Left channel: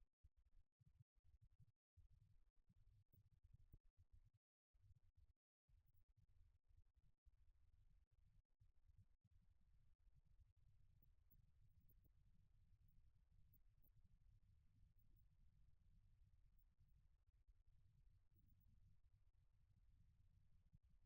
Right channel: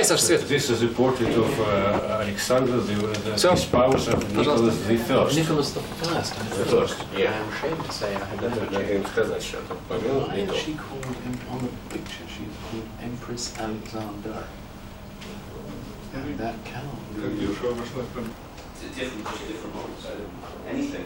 Cesarz свет. This is a portrait of Alexander, the spouse of Nicholas the First. Nicholas the First. The First, yeah. I'm ashamed to say I had never checked. Why is she called, on the picture, she's called Empress Alexander. And that cannot be. Different models. Anything.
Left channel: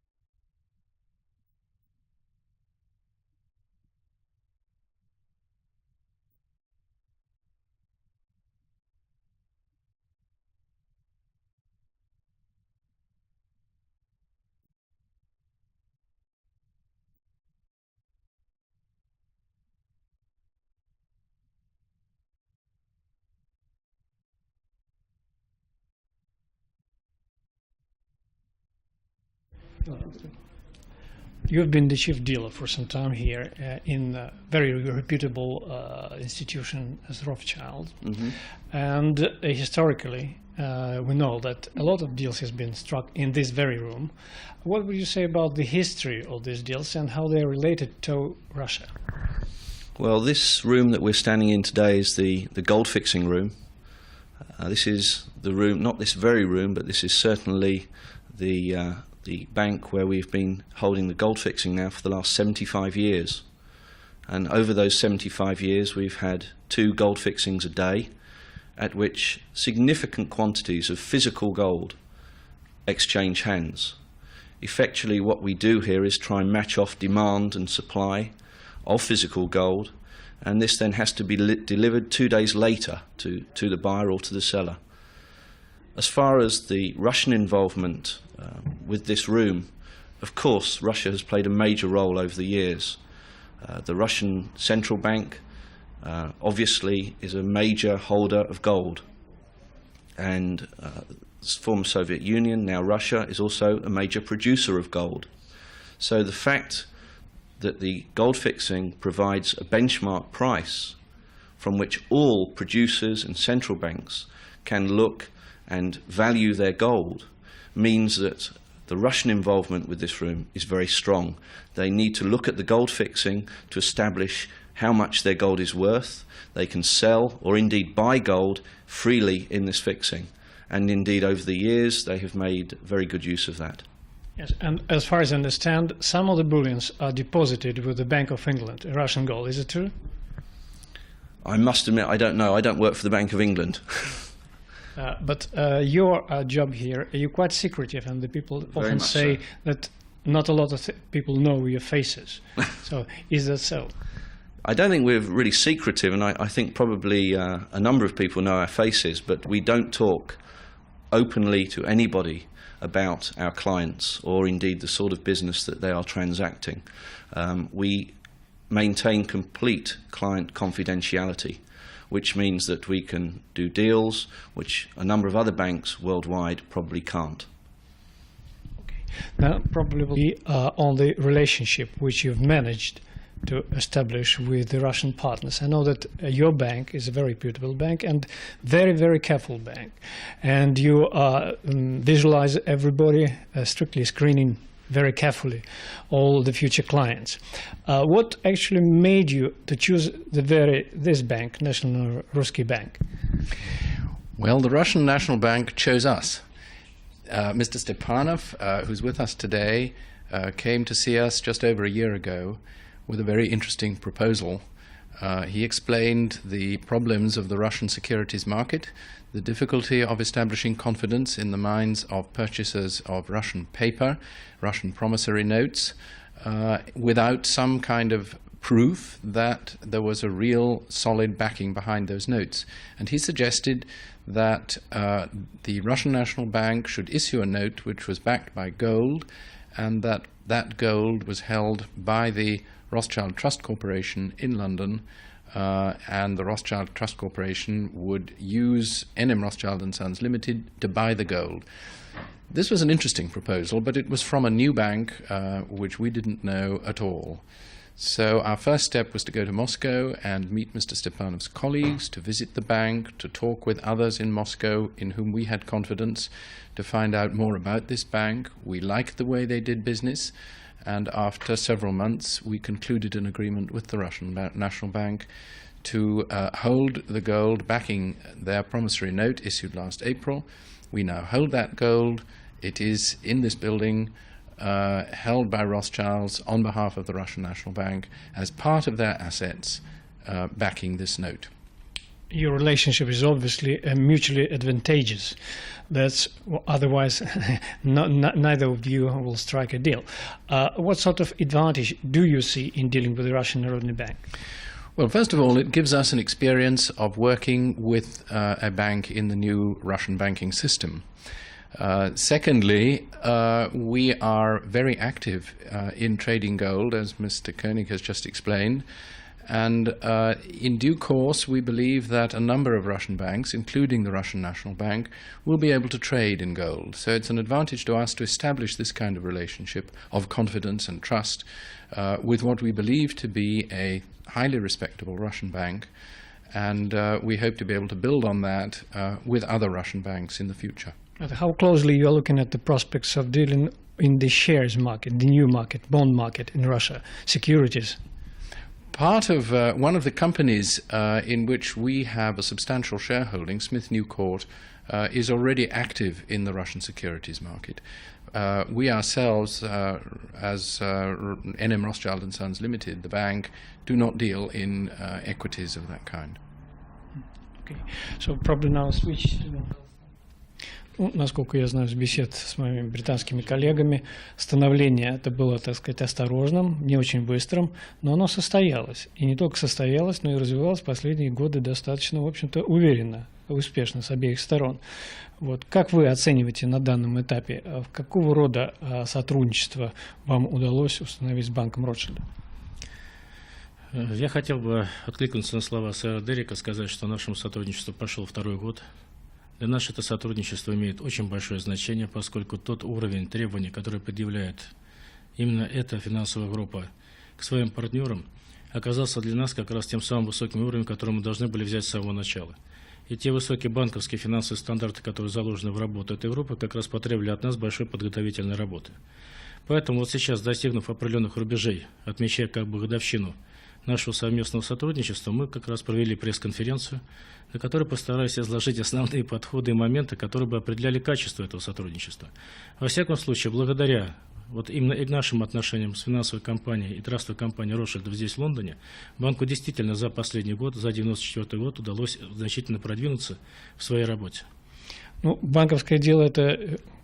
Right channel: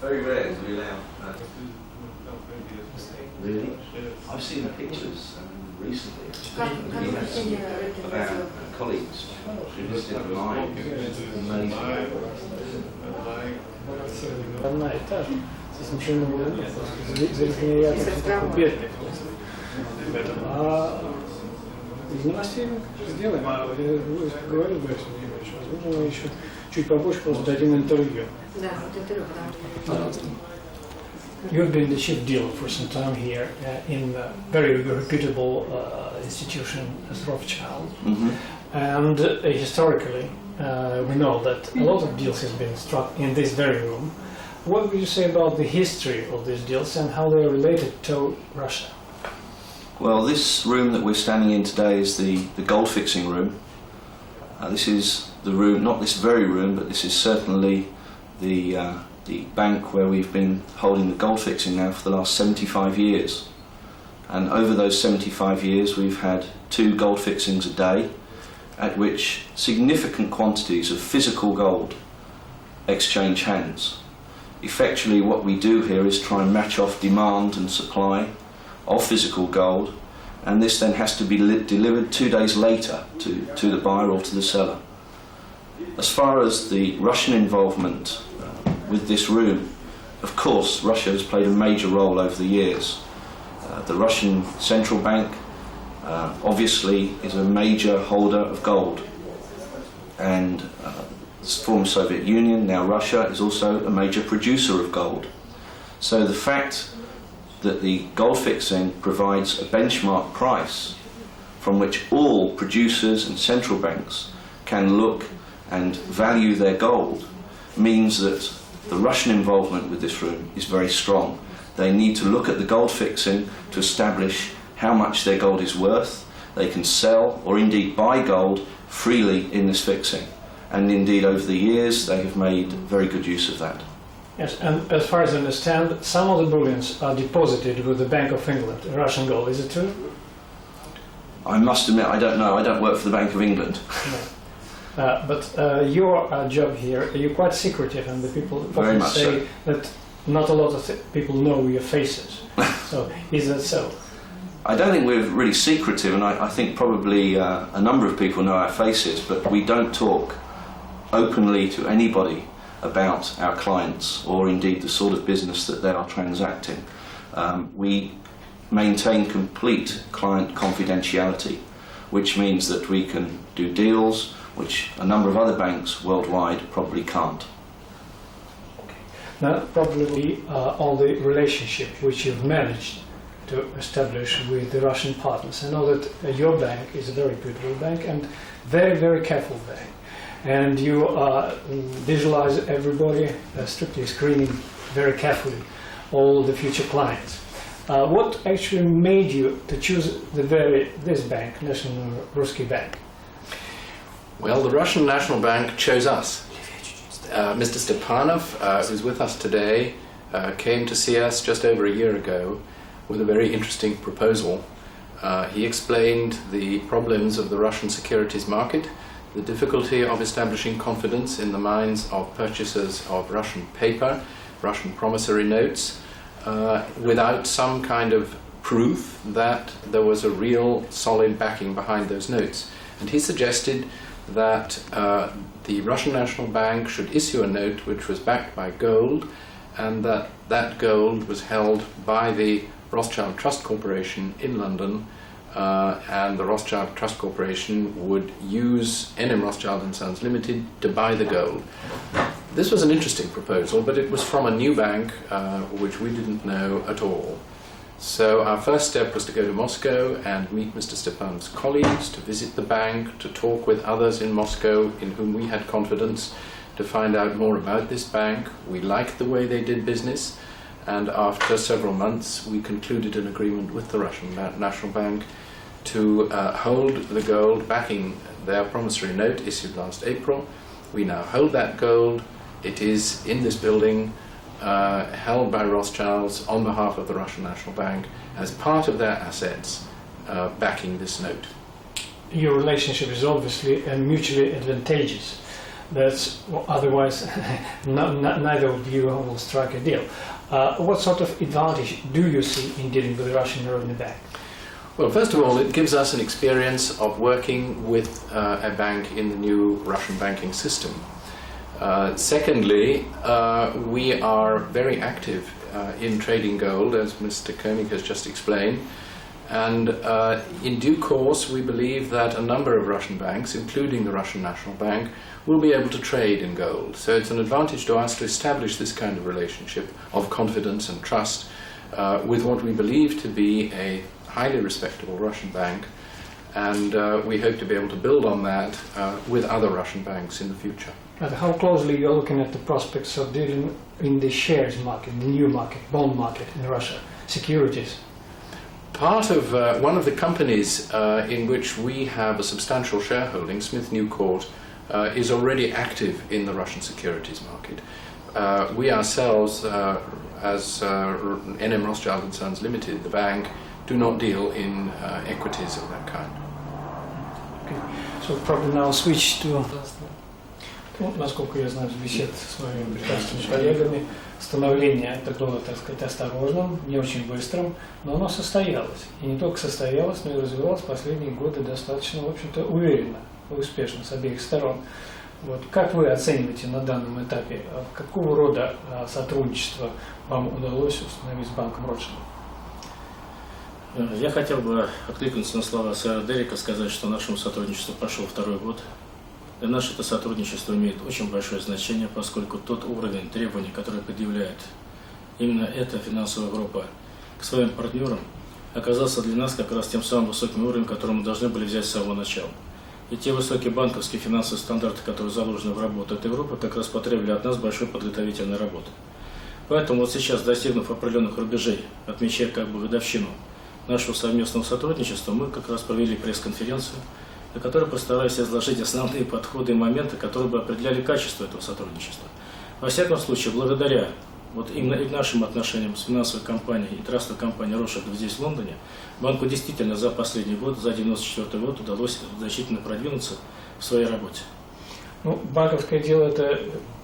Very rare to be allowed. Really? I've seen the pictures recently about colleagues who visited the mine. Amazing. Одна и та же. Здесь ничего нового нет. Здесь я такой бедный. А из новостей сделаем. А я говорил Борису Владимировичу, возможно, мы еще чуть побольше просто дадим интервью. Да, интервью, потому что... You've been the chief dealer for some time here in a very reputable institution as Rothschild. Mm-hmm. And historically, we know that a lot of deals have been struck in this very room. What would you say about the history of these deals and how they are related to Russia? Well, this room that we're standing in today is the gold fixing room. This is the room, not this very room, but this is certainly the bank where we've been holding the gold fixing now for the last 75 years. And over those 75 years we've had 2 gold fixings a day, at which significant quantities of physical gold exchange hands. Effectively what we do here is try and match off demand and supply of physical gold, and this then has to be delivered 2 days later to the buyer or to the seller. As far as the Russian involvement with this room, of course Russia has played a major role over the years. The Russian central bank obviously is a major holder of gold, and the former Soviet Union, now Russia, is also a major producer of gold. So the fact that the gold fixing provides a benchmark price from which all producers and central banks can look and value their gold means that the Russian involvement with this room is very strong. They need to look at the gold fixing to establish how much their gold is worth. They can sell or indeed buy gold freely in this fixing, and indeed over the years they have made very good use of that. Yes, and as far as I understand, some of the bullions are deposited with the Bank of England, Russian gold. Is it true? I must admit, I don't know. I don't work for the Bank of England. No. But your job here, you're quite secretive, and the people often say that not a lot of people know your faces. So, is that so? I don't think we're really secretive, and I think probably a number of people know our faces, but we don't talk openly to anybody about our clients or indeed the sort of business that they are transacting. We maintain complete client confidentiality, which means that we can do deals which a number of other banks worldwide probably can't. Now, probably on the relationship which you've managed to establish with the Russian partners. I know that your bank is a very beautiful bank and very, very careful bank. And you visualize everybody, strictly screening very carefully all the future clients. What actually made you to choose this bank, National Rусский Bank? Well, the Russian National Bank chose us. Mr. Stepanov, who's with us today, came to see us just over a year ago with a very interesting proposal. He explained the problems of the Russian securities market, the difficulty of establishing confidence in the minds of purchasers of Russian paper, Russian promissory notes, without some kind of proof that there was a real solid backing behind those notes. And he suggested that the Russian National Bank should issue a note which was backed by gold, and that gold was held by the Rothschild Trust Corporation in London, and the Rothschild Trust Corporation would use NM Rothschild & Sons Limited to buy the gold. This was an interesting proposal, but it was from a new bank which we didn't know at all. So our first step was to go to Moscow and meet Mr. Stepanov's colleagues, to visit the bank, to talk with others in Moscow in whom we had confidence, to find out more about this bank. We liked the way they did business, and after several months we concluded an agreement with the Russian National Bank to hold the gold backing their promissory note issued last April. We now hold that gold. It is in this building, held by Rothschilds on behalf of the Russian National Bank as part of their assets backing this note. Your relationship is obviously mutually advantageous. That's otherwise neither of you will strike a deal. What sort of advantage do you see in dealing with the Russian Народный Bank? Well, first of all, it gives us an experience of working with a bank in the new Russian banking system. Secondly, we are very active in trading gold, as Mr. Koenig has just explained, and in due course we believe that a number of Russian banks, including the Russian National Bank, will be able to trade in gold. So it's an advantage to us to establish this kind of relationship of confidence and trust with what we believe to be a highly respectable Russian bank, and we hope to be able to build on that with other Russian banks in the future. How closely you're looking at the prospects of dealing in the shares market, the new market, bond market in Russia, securities? Part of one of the companies in which we have a substantial shareholding, Smith Newcourt, is already active in the Russian securities market. We ourselves, as NM Rothschild & Sons Limited, the bank, do not deal in equities of that kind. Okay. So probably now switch to... насколько я знаю, из бесед с моими британскими коллегами, становление это было, так сказать, осторожным, не очень быстрым, но оно состоялось. И не только состоялось, но и развивалось последние годы достаточно, в общем-то, уверенно и успешно с обеих сторон. Вот. Как вы оцениваете на данном этапе, какого рода сотрудничество вам удалось установить с банком Ротшильда? Я хотел бы откликнуться на слова сэра Дерека, сказать, что нашему сотрудничеству пошел второй год. Для нас это сотрудничество имеет очень большое значение, поскольку тот уровень требований, который предъявляет именно эта финансовая группа к своим партнерам, оказался для нас как раз тем самым высоким уровнем, который мы должны были взять с самого начала. И те высокие банковские финансовые стандарты, которые заложены в работу этой группы, как раз потребовали от нас большой подготовительной работы. Поэтому вот сейчас, достигнув определенных рубежей, отмечая как бы годовщину нашего совместного сотрудничества, мы как раз провели пресс-конференцию, на которой постараюсь изложить основные подходы и моменты, которые бы определяли качество этого сотрудничества. Во всяком случае, благодаря вот именно и нашим отношениям с финансовой компанией и трастовой компанией Rothschild здесь, в Лондоне, банку действительно за последний год, за 1994 год, удалось значительно продвинуться в своей работе. Ну, банковское дело – это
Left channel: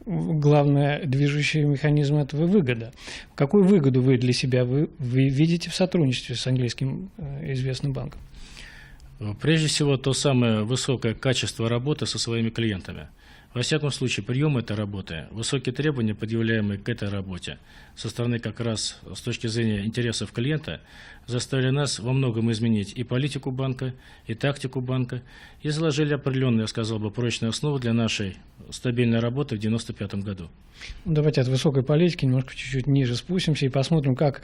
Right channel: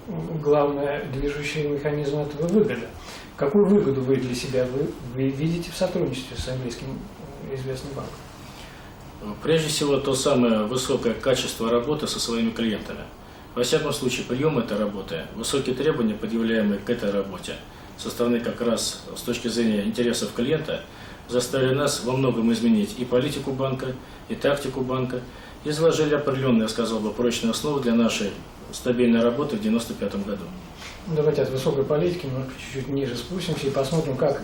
главный движущий механизм этого выгода. Какую выгоду вы для себя вы видите в сотрудничестве с английским известным банком? Прежде всего, то самое высокое качество работы со своими клиентами. Во всяком случае, прием этой работы, высокие требования, предъявляемые к этой работе, со стороны как раз с точки зрения интересов клиента, заставили нас во многом изменить и политику банка, и тактику банка, и заложили определенные, я сказал бы, прочные основы для нашей стабильной работы в 1995 году. Давайте от высокой политики немножко чуть-чуть ниже спустимся и посмотрим, как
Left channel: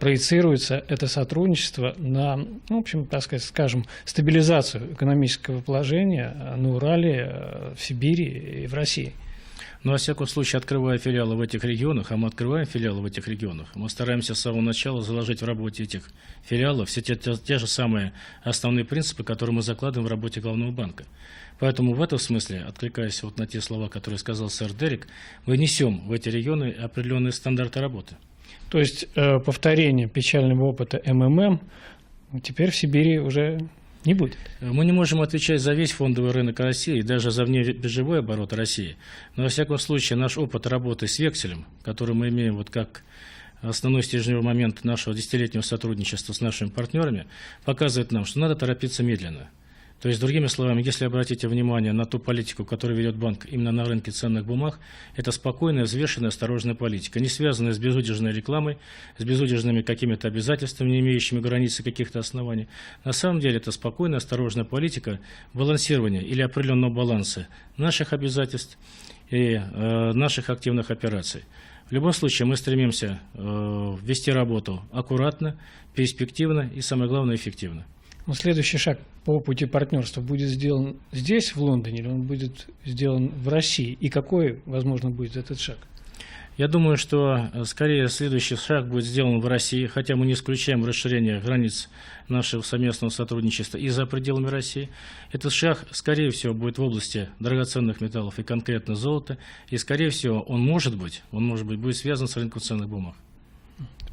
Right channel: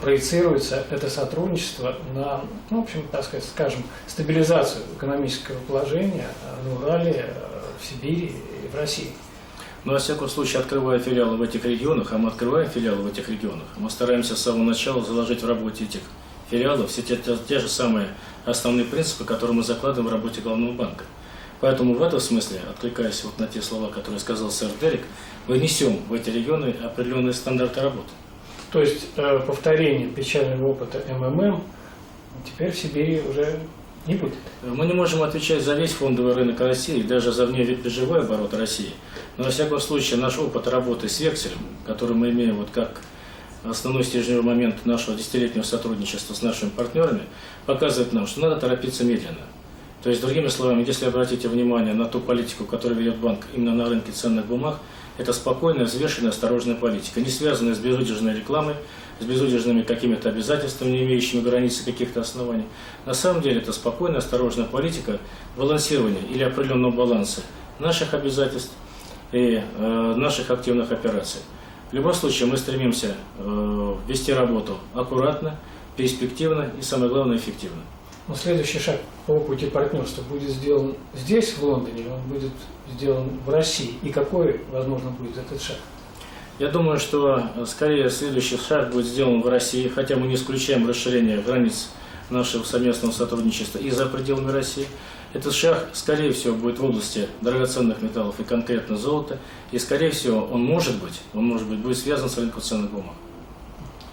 проецируется это сотрудничество на, ну, в общем, так сказать, скажем, стабилизацию экономического положения на Урале, в Сибири и в России. Но, во всяком случае, открывая филиалы в этих регионах, а мы открываем филиалы в этих регионах, мы стараемся с самого начала заложить в работе этих филиалов все те же самые основные принципы, которые мы закладываем в работе главного банка. Поэтому в этом смысле, откликаясь вот на те слова, которые сказал сэр Дерек, мы несем в эти регионы определенные стандарты работы. То есть повторение печального опыта МММ теперь в Сибири уже не будет? Мы не можем отвечать за весь фондовый рынок России, даже за внебиржевой оборот России. Но, во всяком случае, наш опыт работы с векселем, который мы имеем вот как основной стержневой момент нашего десятилетнего сотрудничества с нашими партнерами, показывает нам, что надо торопиться медленно. То есть, другими словами, если обратите внимание на ту политику, которую ведет банк именно на рынке ценных бумаг, это спокойная, взвешенная, осторожная политика, не связанная с безудержной рекламой, с безудержными какими-то обязательствами, не имеющими границы каких-то оснований. На самом деле это спокойная, осторожная политика балансирования или определенного баланса наших обязательств и наших активных операций. В любом случае мы стремимся вести работу аккуратно, перспективно и, самое главное, эффективно. Но следующий шаг по пути партнерства будет сделан здесь, в Лондоне, или он будет сделан в России? И какой, возможно, будет этот шаг? Я думаю, что скорее следующий шаг будет сделан в России, хотя мы не исключаем расширение границ нашего совместного сотрудничества и за пределами России. Этот шаг, скорее всего, будет в области драгоценных металлов и конкретно золота, и, скорее всего, он может быть, будет связан с рынком ценных бумаг.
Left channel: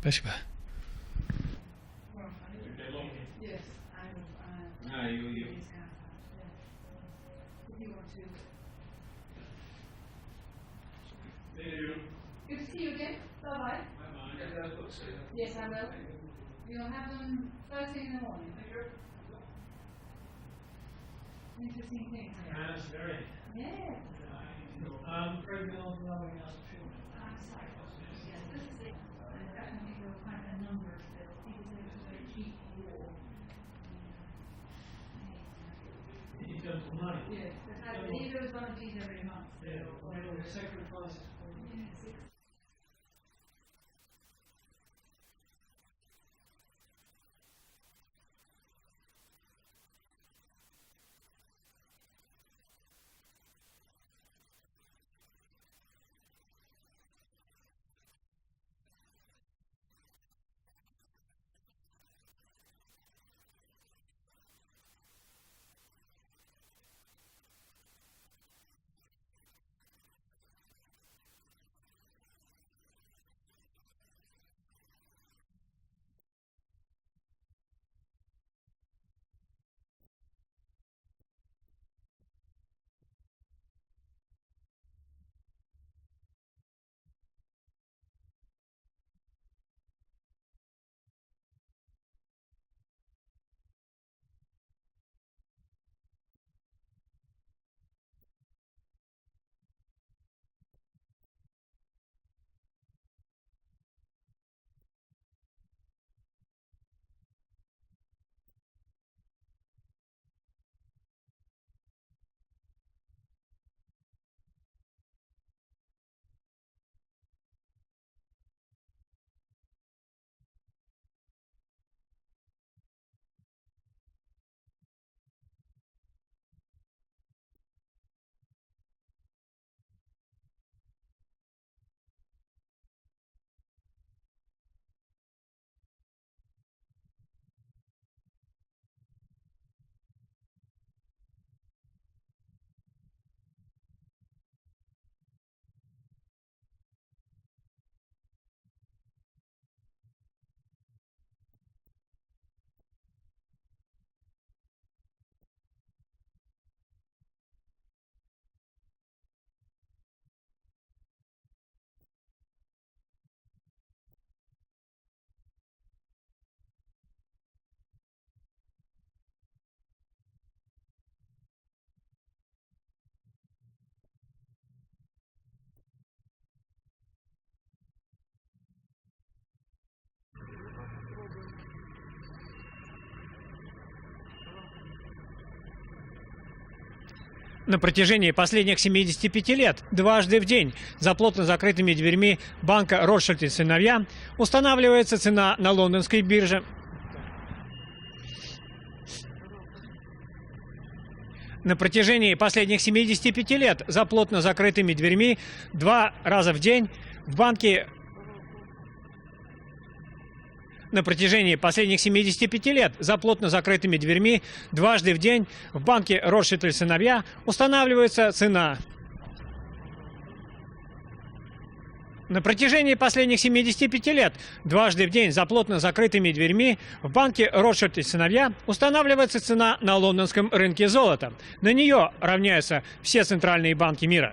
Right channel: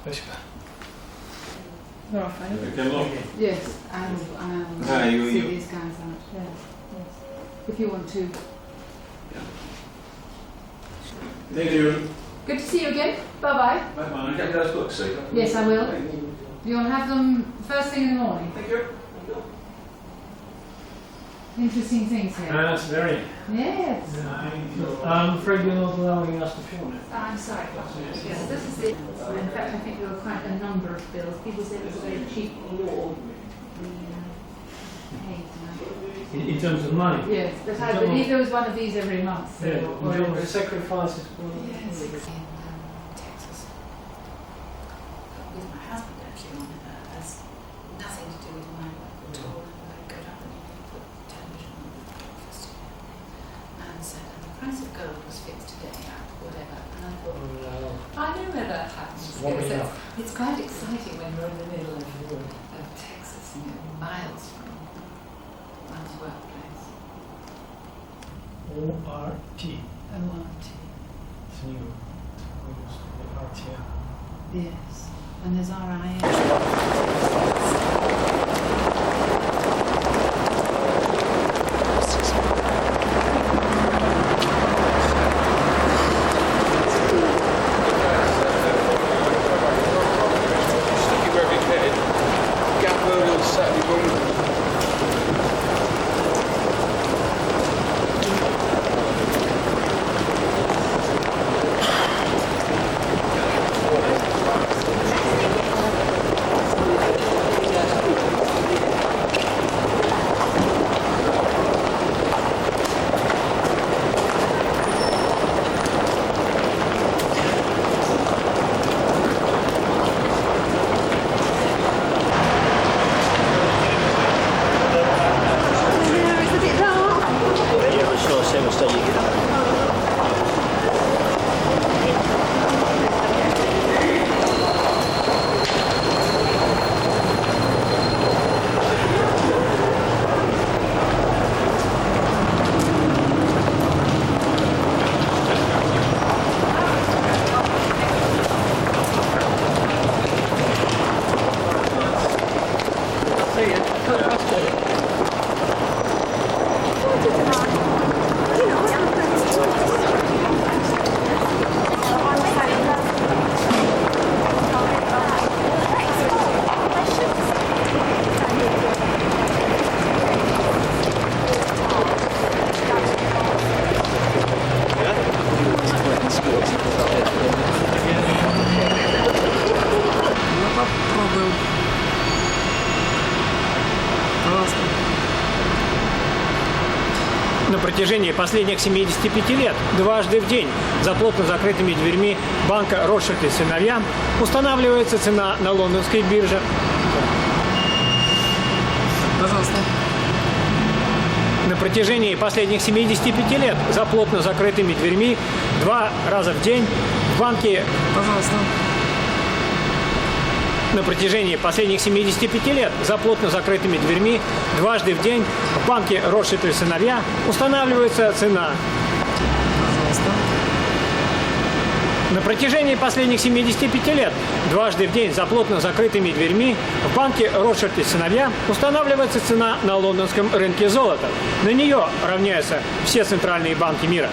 Спасибо. Yes, and see these guys out. Yes, yes. If you want to. Thank you. Good to see you again. Bye bye. Bye-bye. Get those books, see? Yes, I will. You want to have them first thing in the morning? Thank you. Interesting things here. That's very. Yes. I'm afraid you're not allowing us to film it. I'm sorry. Yes, this is it. In fact, I think there were quite a number of bills. People said it was a very cheap law. In terms of money? Yes, but I believe there was one of these every month. So Yeah, in terms of sacrifices. Yes. Texas. With my husband actually on it. Has nothing to do with my work at all. I go down and put television on breakfast and said, and the price of gold was fixed today at whatever. And I thought, I know where that happens. It's quite exciting when you're in the middle of Texas, you know, miles from one's workplace. ORT. ORT. It's new. RTR. Yes. And there's RIA. На протяжении последних 75 лет дважды в день за плотно закрытыми дверьми банка «Ротшильд и сыновья» устанавливается цена на лондонской бирже. Пожалуйста. На протяжении последних 75 лет за плотно закрытыми дверьми 2 раза в день в банке... Пожалуйста. На протяжении последних 75 лет за плотно закрытыми дверьми дважды в день в банке «Ротшильд и сыновья» устанавливается цена. Пожалуйста. На протяжении последних 75 лет дважды в день за плотно закрытыми дверьми в банке «Ротшильд и сыновья» устанавливается цена на лондонском рынке золота. На нее равняются все центральные банки мира.